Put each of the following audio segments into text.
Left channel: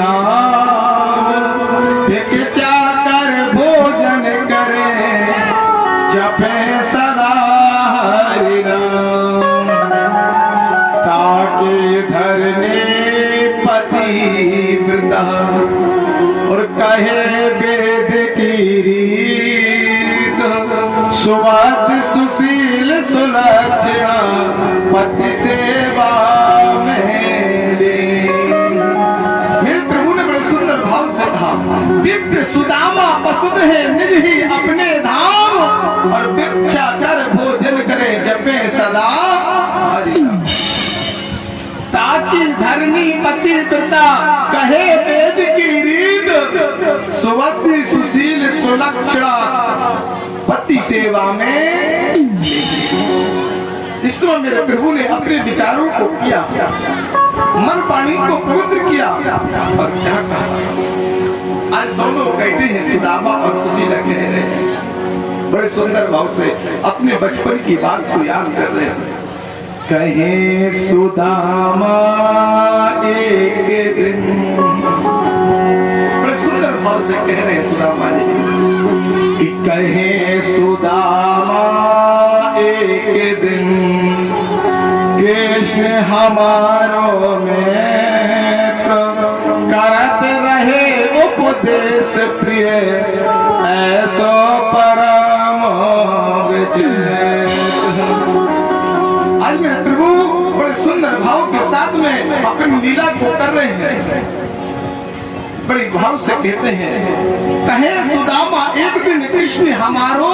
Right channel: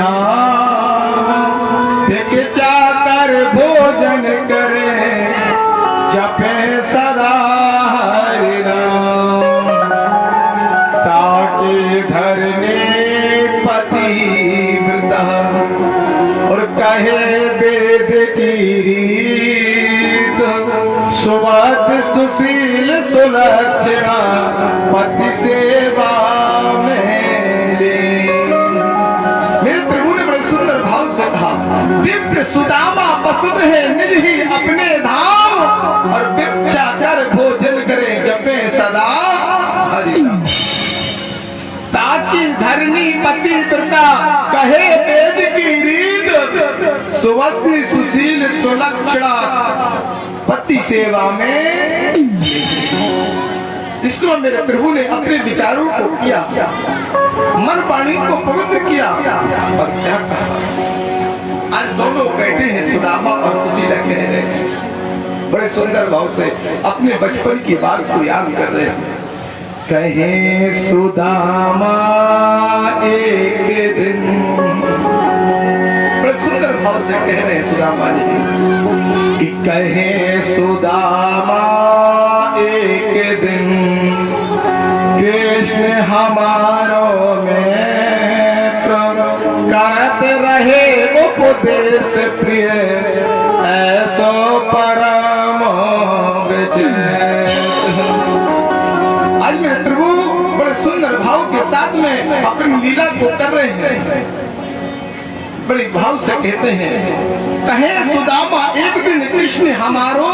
धाम क्या कर भोजन करे जपे सदा हरि नाम ताकि धरने पतिव्रता और कहे वेद की रीत सुवाद सुशील सुलक्षणा पति सेवा में। मेरे प्रभु ने बड़े सुंदर भाव से कहा विप्र सुदामा पसुद है निज ही अपने धाम और भिक्षाचर भोजन करे जपे सदा हरि नाम ताकि धरनी पतिव्रता कहे वेद की रीत सुवति सुशील सुलक्षणा पति सेवा में। इसको मेरे प्रभु ने अपने विचारों को किया, मन वाणी को पवित्र किया और क्या कहा। आज दोनों कहते हैं सुदामा और सुशीला कह रहे हैं, बड़े सुंदर भाव से अपने बचपन की बात को याद कर रहे हैं। कहे सुदामा एक दिन, बड़े सुंदर भाव से कह रहे हैं सुदामा जी कि कहे सुदामा एक दिन कृष्ण हमारो में करत रहे उपदेश प्रिय ऐसो परम विजय। आज मेरे प्रभु बड़े सुंदर भाव के साथ में अपनी लीला को कर रहे हैं, बड़े भाव से कहते हैं कहे सुदामा एक दिन कृष्ण हमारो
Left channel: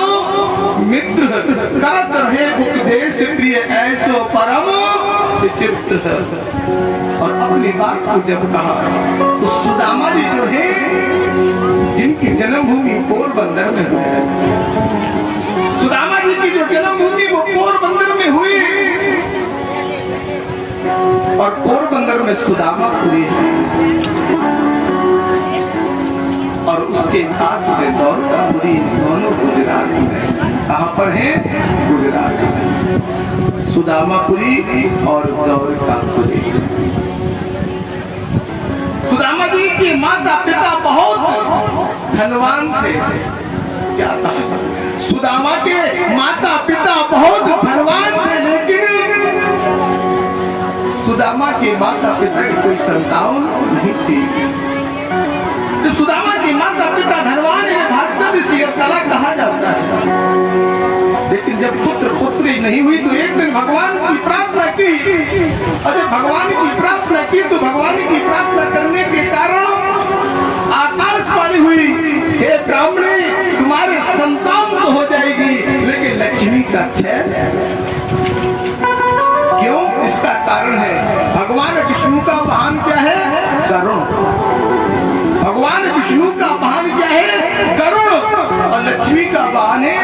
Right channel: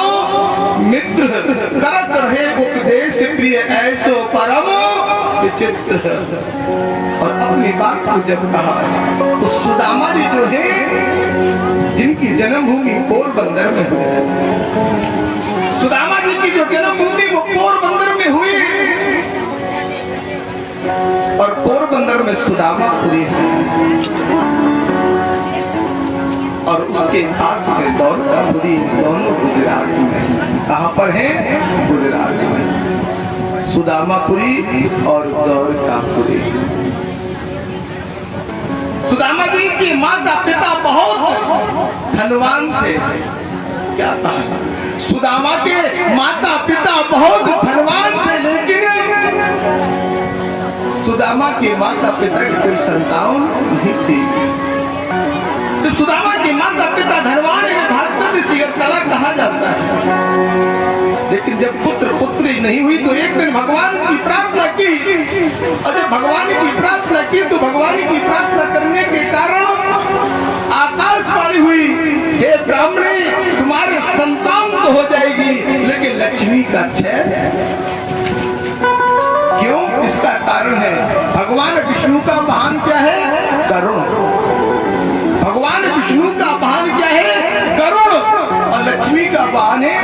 मित्र करत रहे उपदेश प्रिय ऐसो परम विचित्र। और अपनी बात को जब कहा तो सुदामा जी जो है जिनकी जन्मभूमि पोरबंदर में हुई, सुदामा जी की जो जन्मभूमि वो पोरबंदर में हुई और पोरबंदर में सुदामापुरी है और उसके पास में द्वारकापुरी, दोनों गुजरात में। कहाँ पर है? गुजरात में। सुदामापुरी और द्वारकापुरी। सुदामा जी के माता पिता बहुत धनवान थे। क्या कहा? सुदामा के माता पिता बहुत धनवान थे, लेकिन सुदामा के माता पिता की कोई संतान नहीं थी। तो सुदामा के माता पिता धनवान है, भास्कर ऋषि और कला कहा जाता है। लेकिन जब पुत्र पुत्री नहीं हुई तो एक दिन भगवान की प्रार्थना की और जब भगवान की प्रार्थना की तो भगवान की प्रार्थना करने के कारण आकाशवाणी हुई, हे ब्राह्मणी तुम्हारे संतान तो हो जाएगी लेकिन लक्ष्मी का क्षय। क्यों? इसका कारण है भगवान विष्णु का वाहन क्या है? गरुड़। भगवान विष्णु का वाहन क्या है? गरुड़। और लक्ष्मी का वाहन है।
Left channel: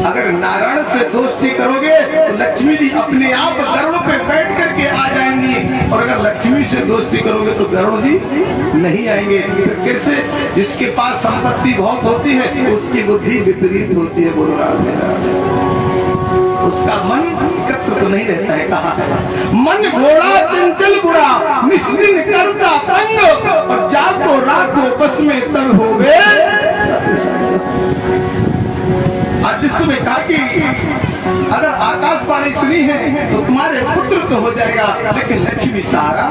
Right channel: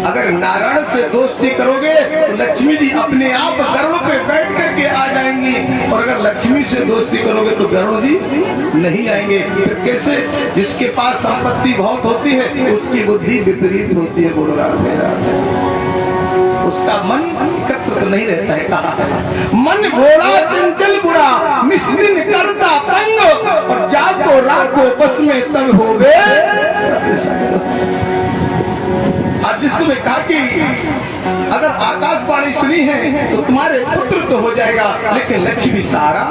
अगर नारायण से दोस्ती करोगे तो लक्ष्मी जी अपने आप गरुड़ पे बैठ करके आ जाएंगी और अगर लक्ष्मी से दोस्ती करोगे तो गरुड़ जी नहीं आएंगे। फिर कैसे? जिसके पास संपत्ति बहुत होती है उसकी बुद्धि विपरीत होती है, बोल रहा है, उसका मन तत्व तो नहीं रहता है। कहा मन घोड़ा चंचल बुरा निस्दिन करता तंग और जाको राखो बस में तब हो गए। आज जिसने कहा कि अगर आकाशवाणी सुनी है तो तुम्हारे पुत्र तो हो जाएगा लेकिन लक्ष्मी सारा।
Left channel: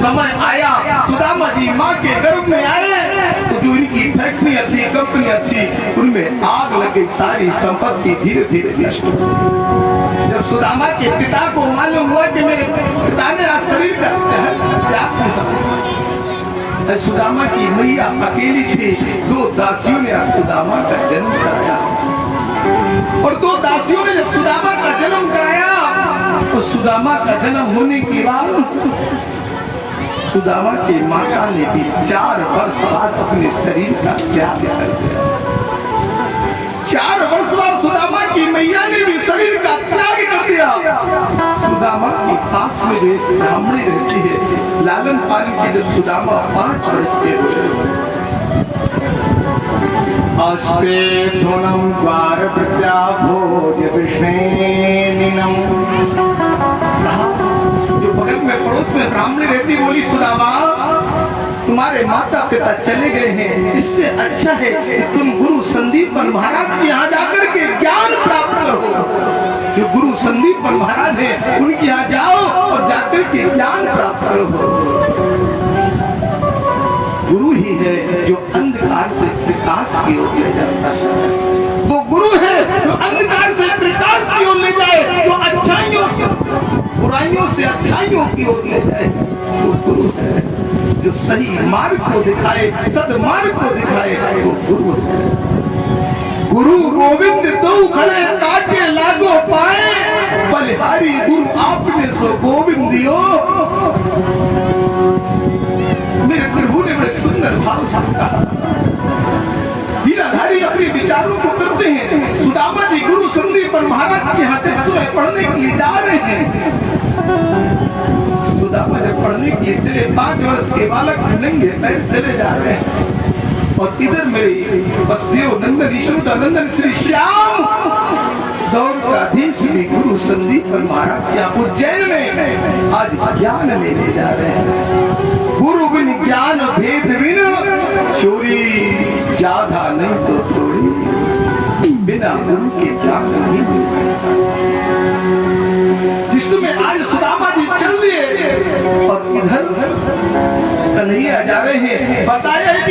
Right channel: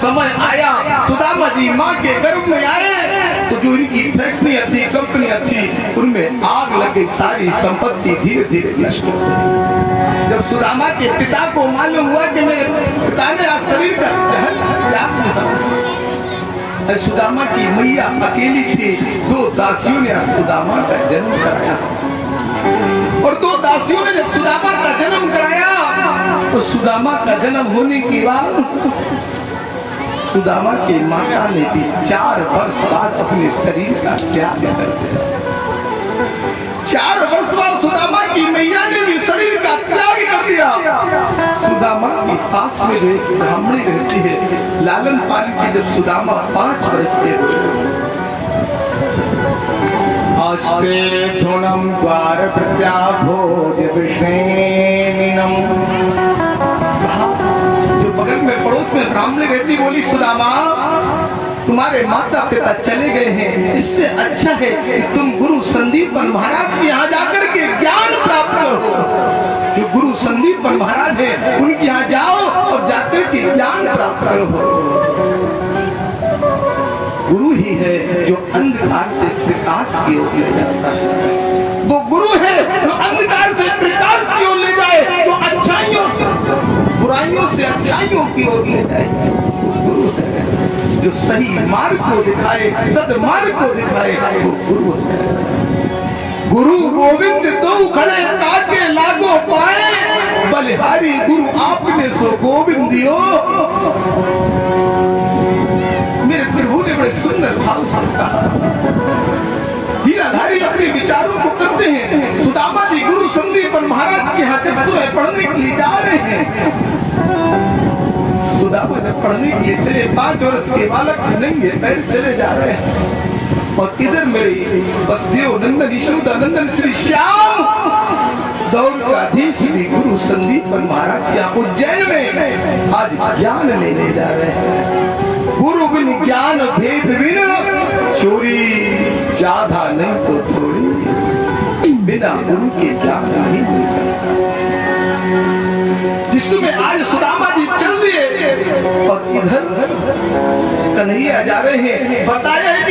समय आया सुदामा जी माँ के गर्भ में आए तो जो इनकी फैक्ट्रियां थी, कंपनियां थी, उनमें आग लग गई, सारी संपत्ति धीरे धीरे नष्ट हो गई। जब सुदामा के पिता को मालूम हुआ कि मेरे पिता ने आज शरीर का त्याग किया, सुदामा की मैया अकेली थी, दो दासियों ने सुदामा का जन्म कराया और दो दासियों ने जब सुदामा का जन्म कराया तो सुदामा का जन्म होने के बाद सुदामा की माता ने भी 4 वर्ष बाद अपने शरीर का त्याग कर दिया। 4 वर्ष बाद सुदामा की मैया ने भी शरीर का त्याग कर दिया। सुदामा के पास में जो एक ब्राह्मणी रहती है, लालन पालन की जब सुदामा 5 वर्ष के हुए, अस्ते थोनम द्वार प्रत्या भोज विष्णेनम, जो बगल में पड़ोस में ब्राह्मणी रहती, बोली सुदामा तुम्हारे माता पिता चले गए हैं, इससे अच्छा है कि तुम गुरु संदीपन महाराज के यहाँ जाकर के ज्ञान प्राप्त करो। जो गुरु संदीपन महाराज हैं उनके यहाँ जाओ और जाकर के ज्ञान प्राप्त करो। गुरु ही है जो अंधकार से प्रकाश की ओर ले जाता है। वो गुरु है जो अंधकार से प्रकाश की ओर ले जाए, जो अच्छाइयों से बुराइयों से अच्छाइयों की ओर ले जाए। वो गुरु है जो सही मार्ग को दिखाए, सदमार्ग को दिखाए। वो गुरु है। गुरु गोविंद दो खड़े ताके लागो पाए, बलिहारी गुरु आपने सो गोविंद दियो। मेरे प्रभु ने बड़े सुंदर भाव से कहा। हीराधारी अपने विचारों को करते हैं। सुदामा जी गुरु संदीपन महाराज के यहाँ चक्षुएं पढ़ने के लिए जा रहे हैं। सुदामा जब पढ़ने के लिए चले, 5 वर्ष के बालक नंगे पैर चले जा रहे हैं। और इधर मेरे वसुदेव नंदन यशोदानंदन श्री श्याम दौड़ का अधीश श्री गुरु संदीपन महाराज के यहाँ उज्जैन में आज ज्ञान लेने जा रहे हैं। गुरु बिन ज्ञान भेद बिन चोरी, ज्यादा नहीं तो थोड़ी, बिना गुरु के ज्ञान नहीं मिल सकता। जिसमें आज सुदामा जी चल दिए और इधर कन्हैया जा रहे हैं। बताया है कि